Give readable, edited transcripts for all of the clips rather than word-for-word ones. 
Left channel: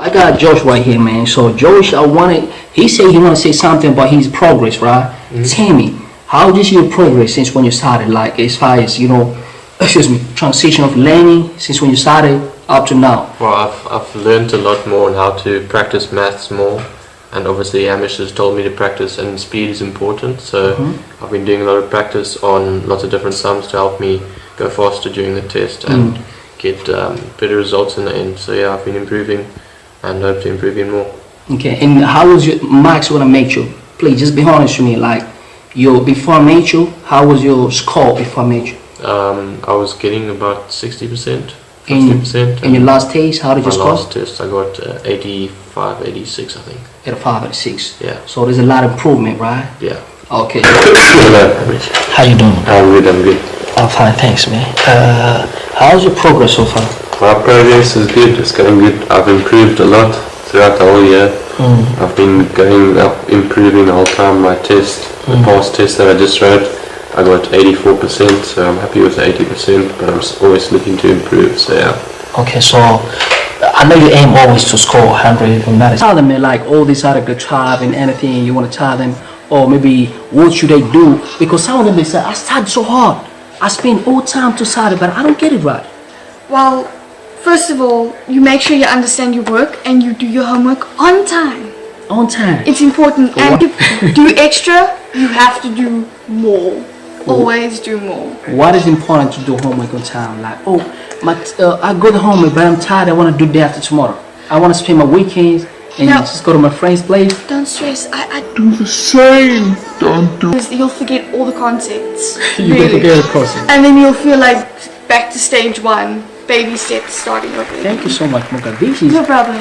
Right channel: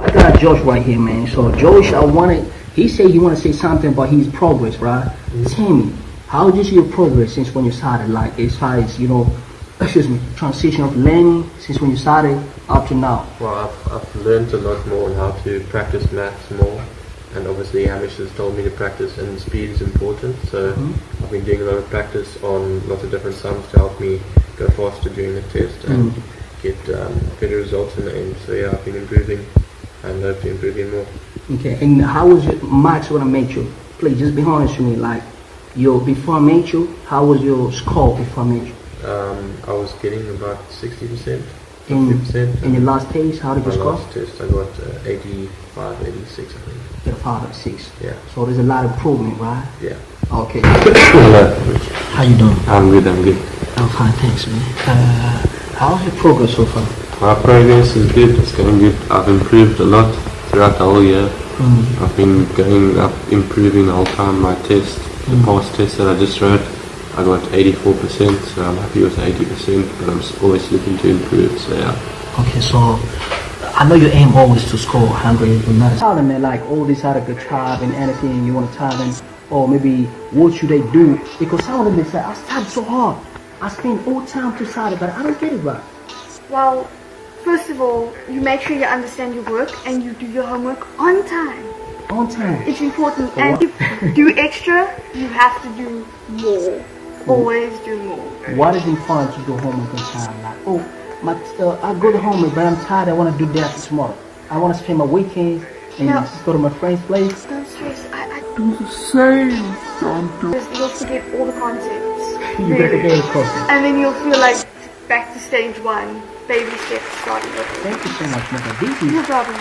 I got Josh right here, man. So Josh, he said he want to say something about his progress, right? Tell me, how did your progress since when you started? Like as far as excuse me, transition of learning since when you started up to now. Well, I've learned a lot more on how to practice maths more, and obviously Hamish has told me to practice, and speed is important. So I've been doing a lot of practice on lots of different sums to help me go faster during the test and get better results in the end. So yeah, I've been improving and hope to improve even more. Okay, and how was your marks when I met you? Please just be honest with me. Like before I met you, how was your score before I met you? I was getting about 60%, 50%. In your last test, how did you score? My last test, I got 85, 86, I think. 85, 86. Yeah. So there's a lot of improvement, right? Yeah. Okay. Hello, Hamish. How you doing? I'm good. I'm fine, thanks, man. How's your progress so far? My progress is good, it's going good. I've improved a lot throughout the whole year. I've been going up, improving the whole time. My test, the past test that I just wrote, I got 84%, so I'm happy with the 80%, but I'm always looking to improve, so yeah. Okay, so I know you aim always to score 100 no matter. Tell them, man, like all these other good tribe and anything you want to tell them, or maybe what should they do? Because some of them, they say, I studied so hard. I spend all time to study, but I don't get it right. Well, first of all, you make sure you understand your work and you do your homework on time. On time. It's important. And if you do extra, you have to do more. Always do more. What is important to do homework on time? Like, I go to homework, but I'm tired. I want to do that after tomorrow. I want to spend my weekends and just go to my friend's place. Don't stress. I Do the same. Don't do. You'll forget all the concepts. You better forget the concept. And then you'll feel like back to stage one. Baby steps starting over. Thank you so much, Mocha. This is no problem.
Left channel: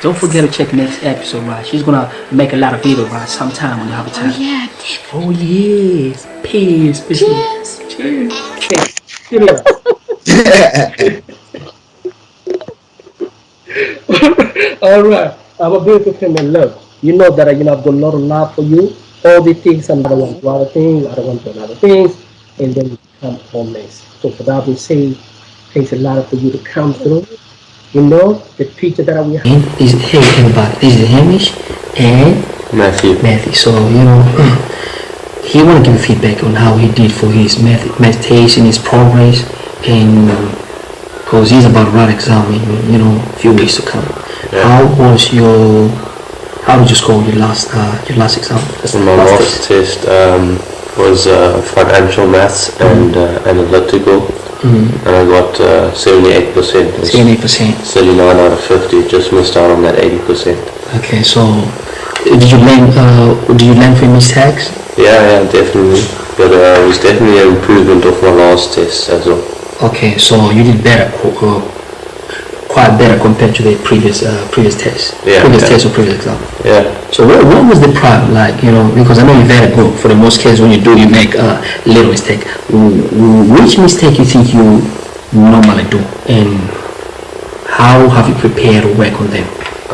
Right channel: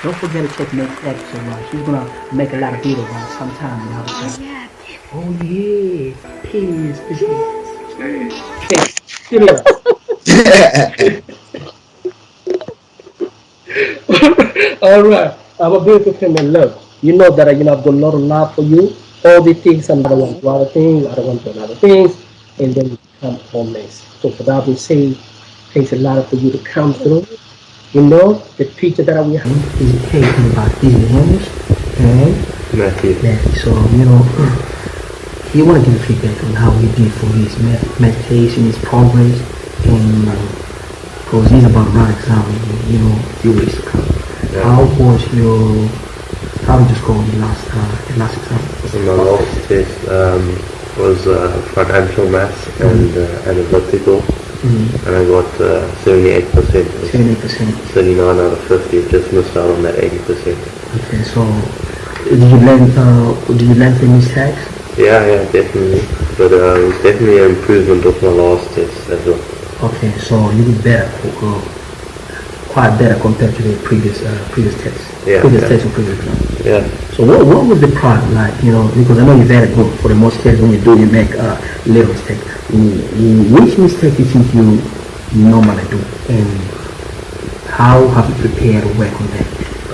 Don't forget to check next episode, right? She's gonna make a lot of videos, right? Sometime when you have a time. Oh yeah, Oh yes. Peace. Cheers. Cheers. Cheers. All right. I'm a beautiful family. Look, you know that I've got a lot of love for you. All the things, and I don't want to do other things, I don't want to do other things, and then you become homeless. So for that we say, thanks a lot for you to come through. You know, the picture that we have. Hey everybody, this is Hamish and Matthew. So, he want to give feedback on how he did for his meditation, his progress, and because he's about to write exam in, a few weeks to come. Yeah. How did you score your last exam? So my last test was financial maths and analytical, and I got 78%. 78%. 39 out of 50. Just missed out on that 80%. Okay, so did you learn from mistakes? Yeah, definitely. But it was definitely an improvement of my last test as well. Okay, so you did better. Quite better compared to the previous test, test or previous exam. Yeah. So what was the problem like? Because I know you're very good. For the most cases, when you make a little mistake, which mistake you think you normally do, and how have you prepared to work on them?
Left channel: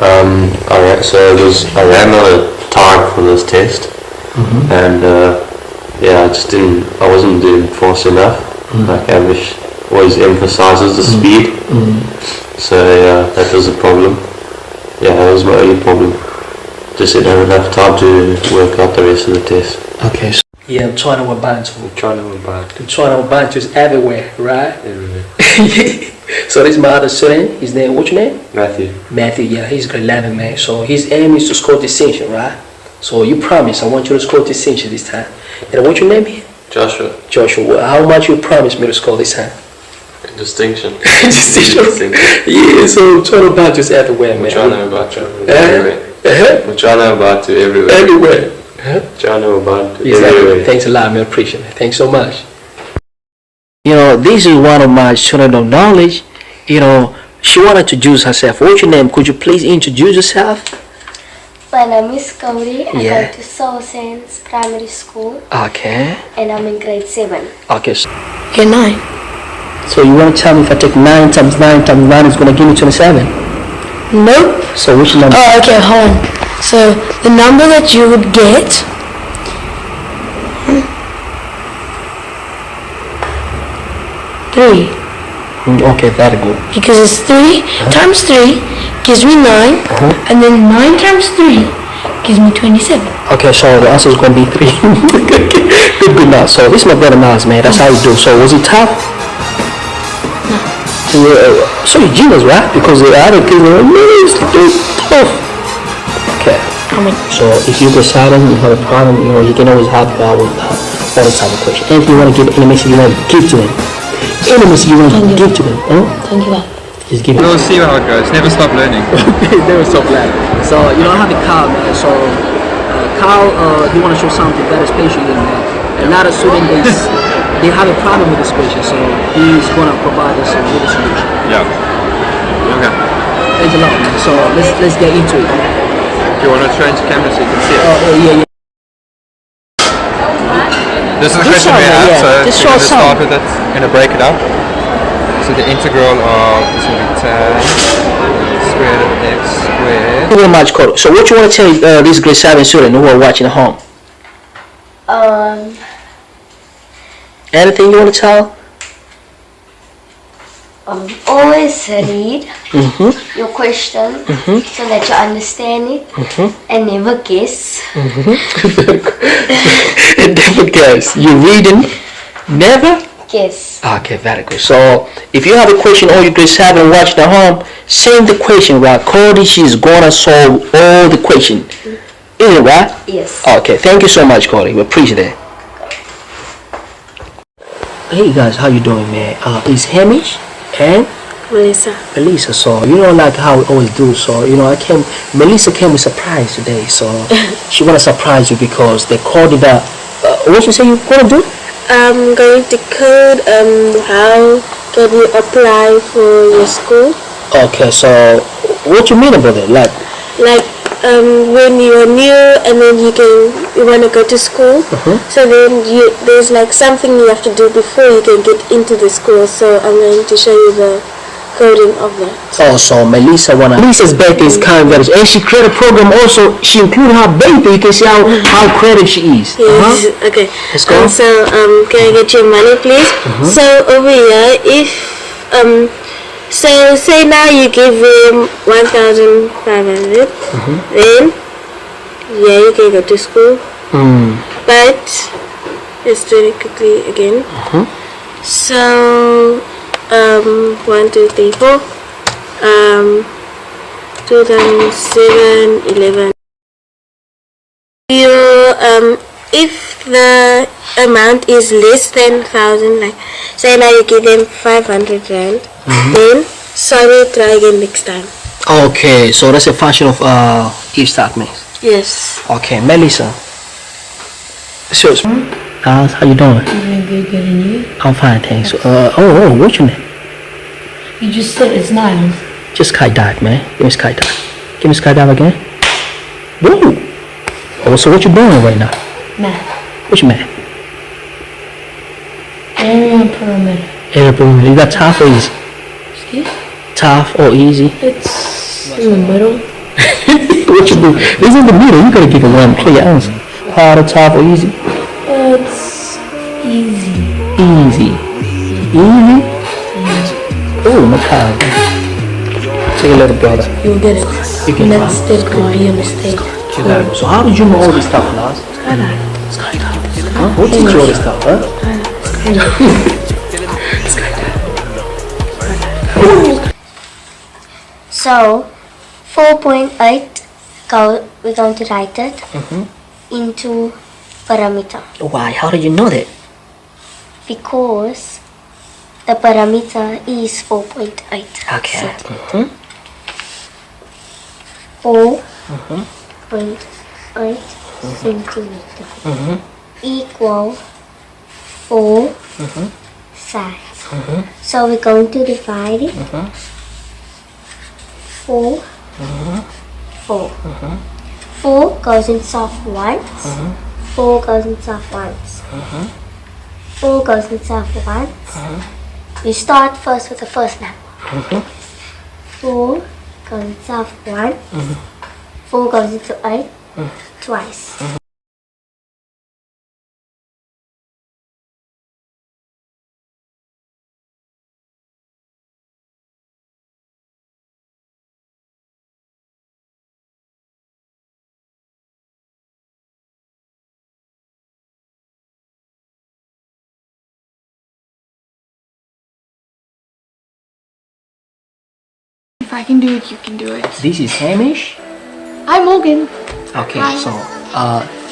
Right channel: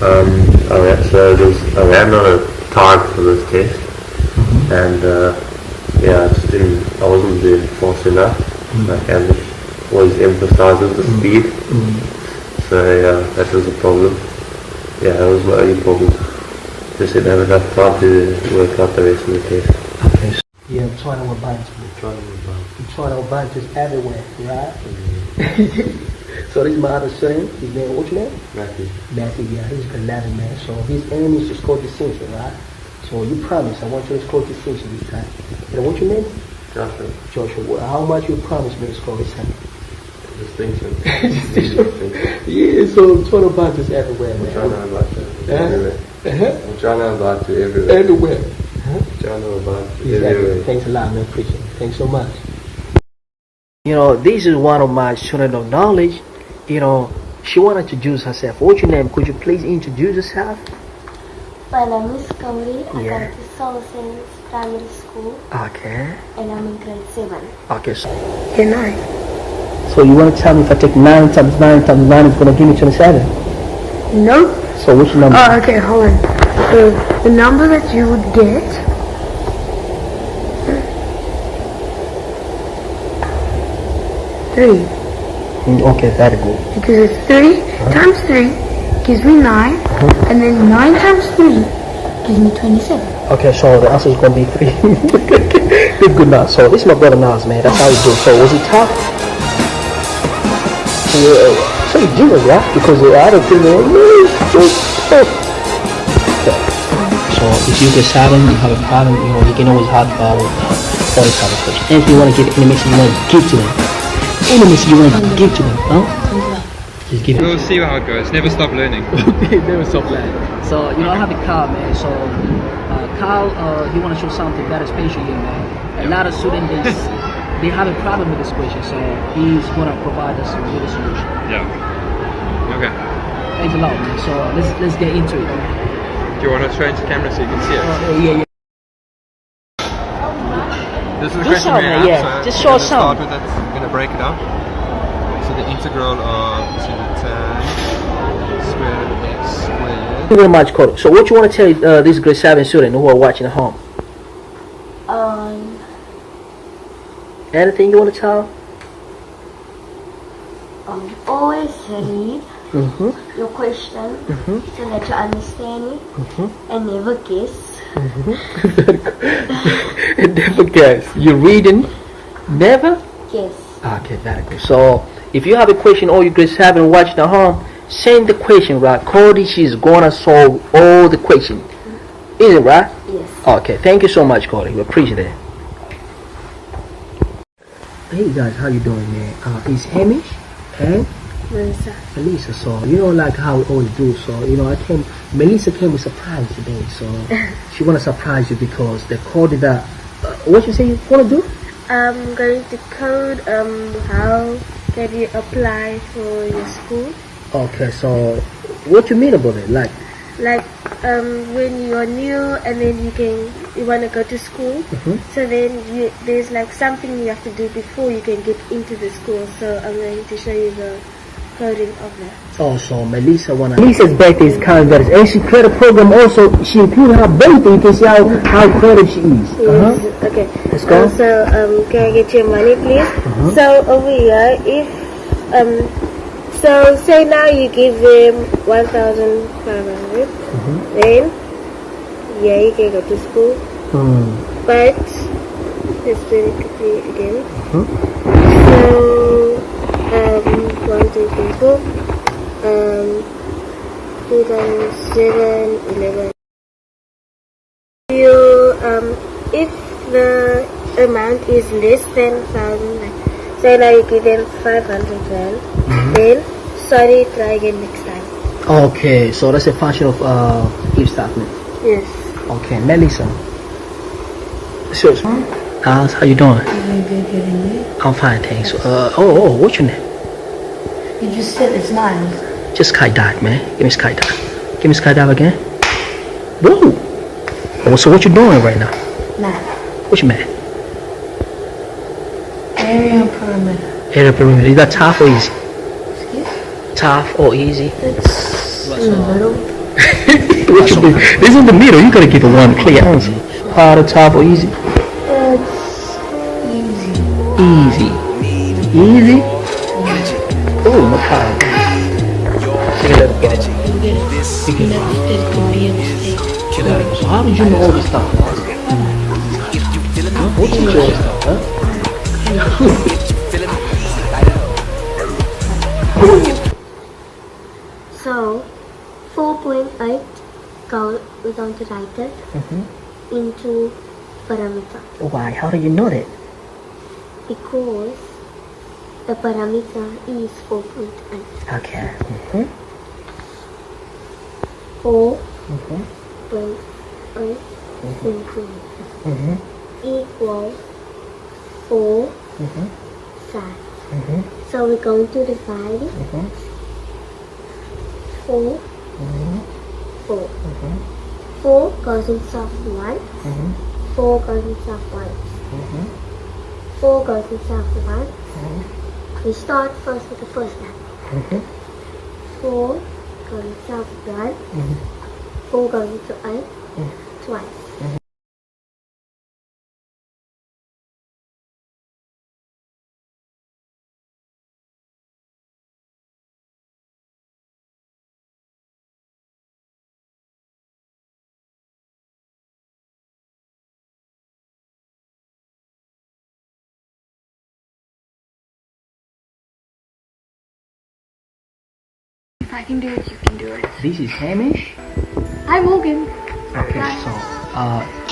Alright. So I ran out of time for this test, and I wasn't doing fast enough. Like Hamish always emphasizes the speed. So that was a problem. Yeah, that was my only problem. Just didn't have enough time to work out the rest of the test. Okay. So Mntwana Wabantu. Mntwana Wabantu is everywhere, right? Everywhere. So this is my other student. His name, what's your name? Matthew, yeah, he's grade 11, man. So his aim is to score distinction, right? So you promise, I want you to score distinction this time. And what's your name? Joshua. How much you promise me to score this time? Distinction. Distinction. Yeah, so Mntwana Wabantu is everywhere, man. Mntwana Wabantu everywhere. Mntwana Wabantu everywhere. Everywhere. Mntwana Wabantu everywhere. Thanks a lot, man. Appreciate it. Thanks so much. This is one of my students of knowledge. She wanted to introduce herself. What's your name? Could you please introduce yourself? My name is Gauri. I Yeah. go to Soul Saints Primary School Okay. and I'm in grade 7. Okay. Hey, 9. So you want to tell me if I take 9 times 9 times 9 is going to give me 27? Nope. So which number? Oh, okay, hold on. So the number that you would get three. Okay, very good. Because it's 3 times 3 gives me 9, and then 9 times 3 gives me 27. Okay, so the answer is going to be 3. Good now. So this is my brother Nas, man. That's how you do. So was he tough? Yeah, so you're genius, right? Because the other things are really tough. Okay. So if you get silent, you have a problem, you can always help out with all this type of question. And if you want to give any message you want to give to them, any message you want to give to them, Thank you. just give it. We'll see how it goes. Never stop learning. They were so glad. So, I have a Carl, man. So, Carl, he want to show something very special here, man. A lot of students, they have a problem with this question, so he's going to provide us with a solution. Yeah. Okay. Thanks a lot, man. So, let's get into it. Do you want to change camera so you can see it? Yeah. This is the Just question show we me, have, yeah. so Just we're show going to start some. with it. We're going to break it up. So the integral of this will be 10 squared of x squared. Thank you very much, Cody. So, what you want to tell these grade 7 students who are watching at home? Anything you want to tell? Always read your question so that you understand it and never guess. Never guess. You reading? Never? Guess. Okay, very good. So, if you have a question or you grade 7 watching at home, send the question, right? Cody, she's gonna solve all the question. Is it right? Yes. Okay, thank you so much, Cody. We appreciate it. Hey guys, how you doing, man? It's Hamish and Melissa. So, like how we always do. So, Melissa came with surprise today. So, she wanna surprise you because they called it a, what you say you gonna do? I'm going to code how can you apply for your school. Okay, so what you mean about it? Like, When you're new and then you want to go to school, so then there's like something you have to do before you can get into the school. So I'm going to show you the coding of that. oh, so Melissa's birthday is kind of very, and she created a program also. She included her birthday. You can see how creative she is. Yes. Okay. Let's go. So can I get your money, please? So over here, if so say now you give him 1,500, then you can go to school. But let's do it quickly again. So 1, 2, 3, 4. 2007, 11. You if the amount is less than 1,000, like say now you give them 500 rand, then sorry, try again next time. Okay, so that's a function of if statements. Yes. Okay, Melissa. So, how you doing? I'm fine, thanks. What's your name? You just said it's 9. Just skydive, man. Give me skydive. Give me skydive again. Whoa. Oh, so what you doing right now? Math. What you math? Area and perimeter. Area perimeter. You got tough or easy? Excuse? Tough or easy? It's in the middle. What you do? It's in the middle. You gotta give it one clear answer. Harder, tough, or easy? It's easy. Easy. Easy? Oh, my God. Take a little better. You'll get it. Mistake could be a mistake. So how did you know all this stuff, Nas? Huh? Who teach you all this stuff, huh? So 4.8, we're going to write it into parameter. Why? How did you know that? Because the parameter is 4.8. Okay. 4.8 centimeter equal 4 sides. So we're going to divide it. 4, 4. 4 goes inside once. 4 goes inside once. 4 goes inside once. We start first with the first number. 4 goes inside 1. 4 goes into 8 twice. I can do it, you can do it. This is Hamish. Hi, Morgan. Okay, so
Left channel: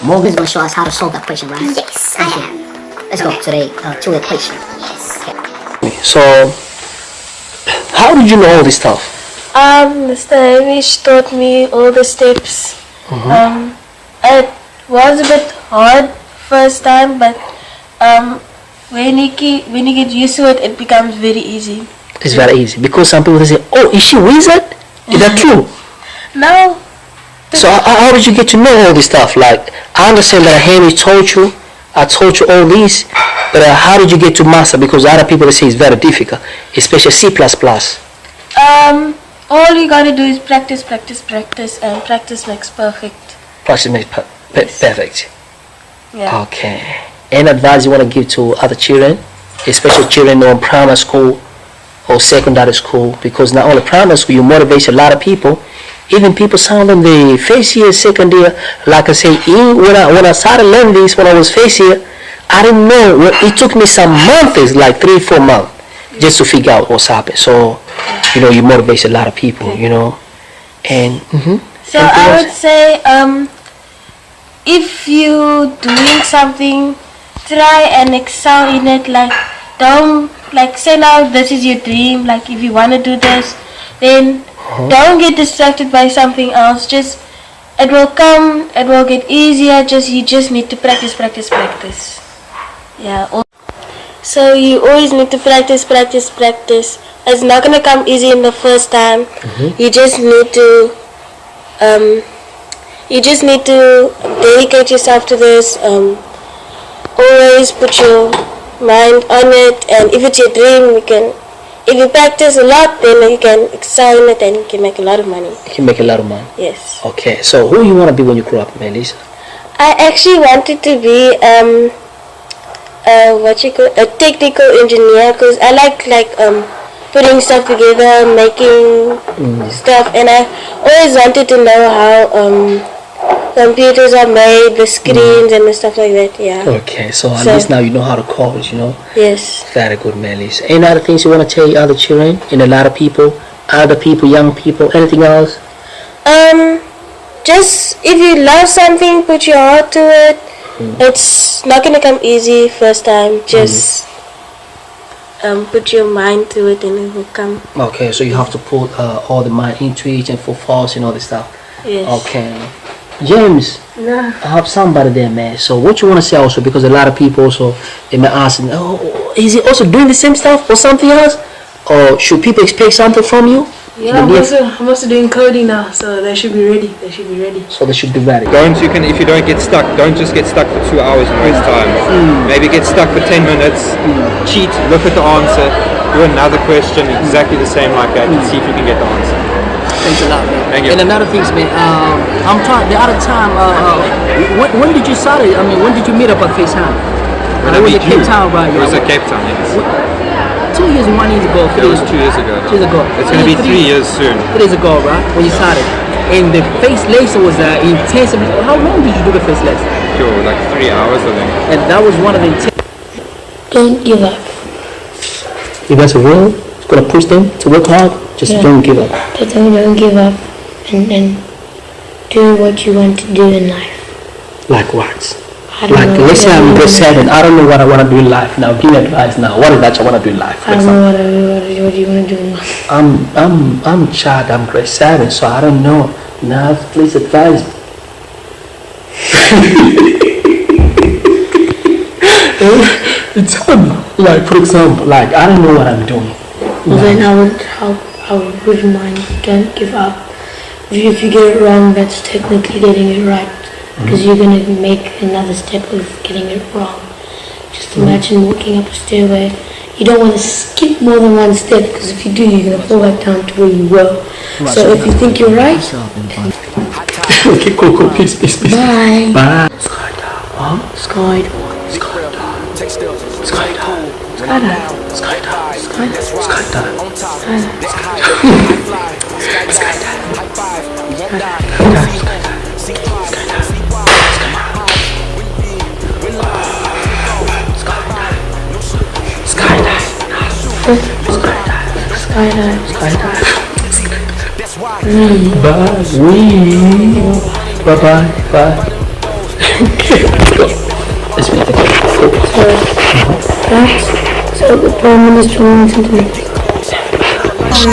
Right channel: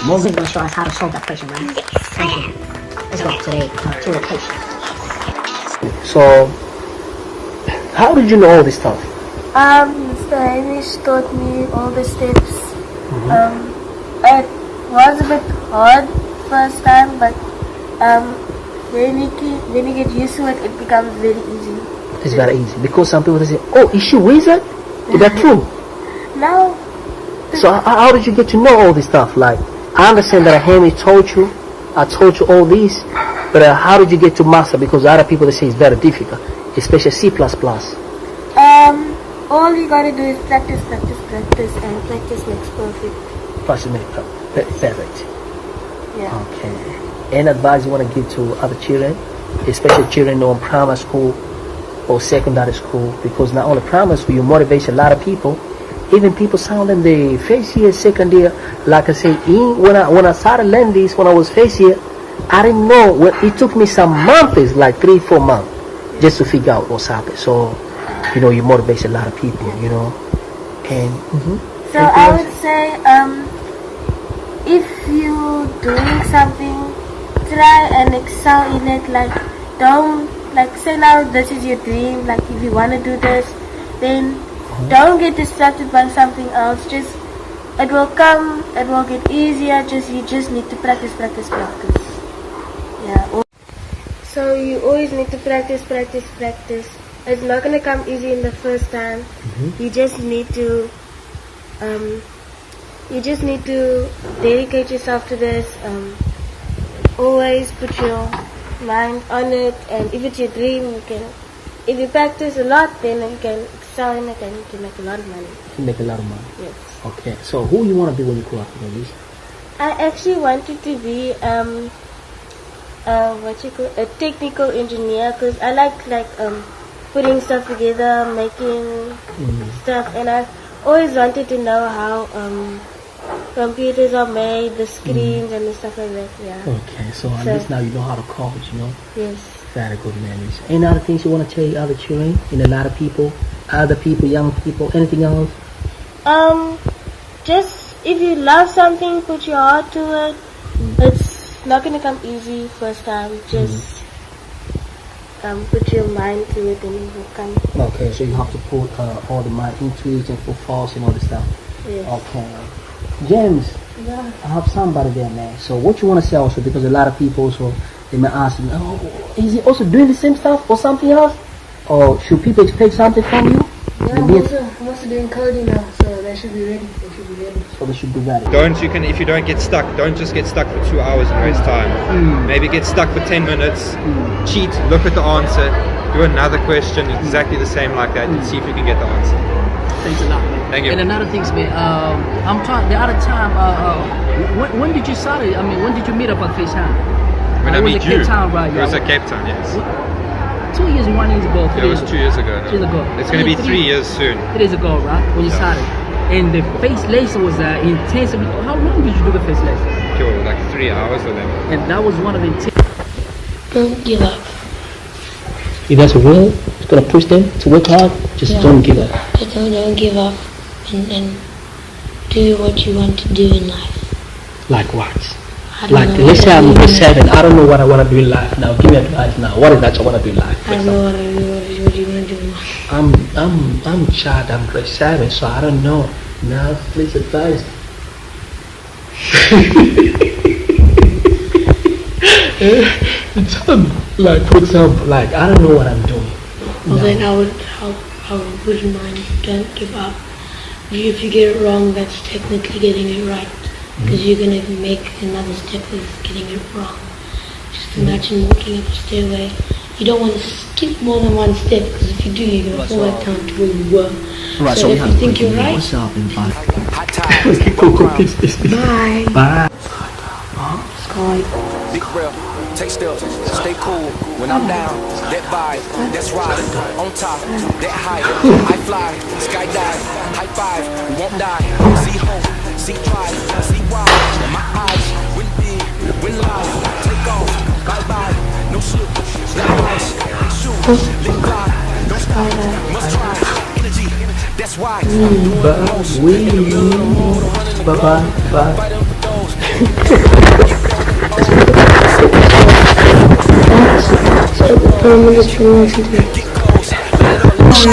Morgan's Gonna show us how to solve that question, right? Yes. Thank you. Let's go to the equation. so how did you know all this stuff? Mr. Hamish taught me all the steps. It was a bit hard first time, but when you get used to it, it becomes very easy. It's very easy because some people say, "Oh, is she wizard?" Is that true? Now, So how did you get to know all this stuff? Like, I understand that Henry told you, I told you all this, but how did you get to master? Because other people say it's very difficult, especially C++. all you gotta do is practice, and practice makes perfect. Practice makes perfect. Yeah. Okay. Any advice you want to give to other children, especially children in primary school or secondary school? Because not only primary school, you motivate a lot of people. Even people sound in the first year, second year. Like I say, when I started learning this, when I was first year, I didn't know. It took me some months, like 3-4 months, just to figure out what's happening. So, you motivate a lot of people, And So I would say, if you doing something, try and excel in it. Like, don't say now this is your dream. Like, if you want to do this, then don't get distracted by something else. Just it will come. It will get easier. You just need to practice. Yeah. So you always need to practice. It's not gonna come easy in the first time. You just need to dedicate yourself to this. Always put your mind on it, and if it's your dream, if you practice a lot, then you can excel in it and you can make a lot of money. You can make a lot of money. Yes. Okay, so who you want to be when you grow up, Melissa? I actually wanted to be a technical engineer, because I like putting stuff together, making stuff, and I always wanted to know how computers are made, the screens and the stuff like that. Yeah. Okay, so at least now you know how to code, Yes. Very good, Melissa. Any other things you want to tell other children and a lot of people, young people, anything else? Just if you love something, put your heart to it. It's not gonna come easy first time. Just put your mind to it and it will come. Okay, so you have to put all the mind into it and focus and all this stuff. Yes. Okay. James, I have somebody there, man. So what you want to say also, because a lot of people also, they may ask, is he also doing the same stuff or something else? Or should people expect something from you? Yeah, I'm also doing coding now, so they should be ready. So they should be ready. If you don't get stuck, don't just get stuck for 2 hours and waste time. Maybe get stuck for 10 minutes, cheat, look at the answer, do another question exactly the same like that, and see if you can get the answer. Thanks a lot, man. Thank you. And another thing, man, I'm trying, the other time, when did you start it? I mean, when did you meet up at FaceTime? When it I was meet at Cape you, Town, right? It was at Cape Town, yes. 2 years and 1 year ago. It was 2 years ago. 2 years ago. It's going to be 3 years soon. 3 years ago, right? When you started. And the face lesson was intense. How long did you do the face lesson? Sure, like 3 hours, I think. And that was one of the intense. Don't give up. You guys are real? Gonna push them to work hard? Just don't give up. Don't give up, and do what you want to do in life. Like what? I don't Like, know let's say what I'm I grade wanna- 7. I don't know what I want to do in life now. Give me advice now. What is that I want to do in life? For I don't example? know what do you want to do in life. I'm a child. I'm grade 7, so I don't know. Now, please advise me. It's hard. Like, for example, like, I don't know what I'm doing. Well, then I wouldn't mind. Don't give up. If you get it wrong, that's technically getting it right. Because you're going to make another step of getting it wrong. Just imagine walking up a stairway. You don't want to skip more than one step, because if you do, you're going to fall back down to where you were. Right, So if you think you're right, Okay, cool, peace. bye. Bye. Sky. Big real, take still, stay cool. When I'm down, that vibe, that's right. On top, that high, I fly, skydive, high five, we won't die. See hope, see pride, see why. In my eyes, win big, win live, take off, sky by, no slip, sky rush, shoot, let's fly, don't sky, must fly, energy. That's why. Bye. So the Prime Minister mentioned it. Yo,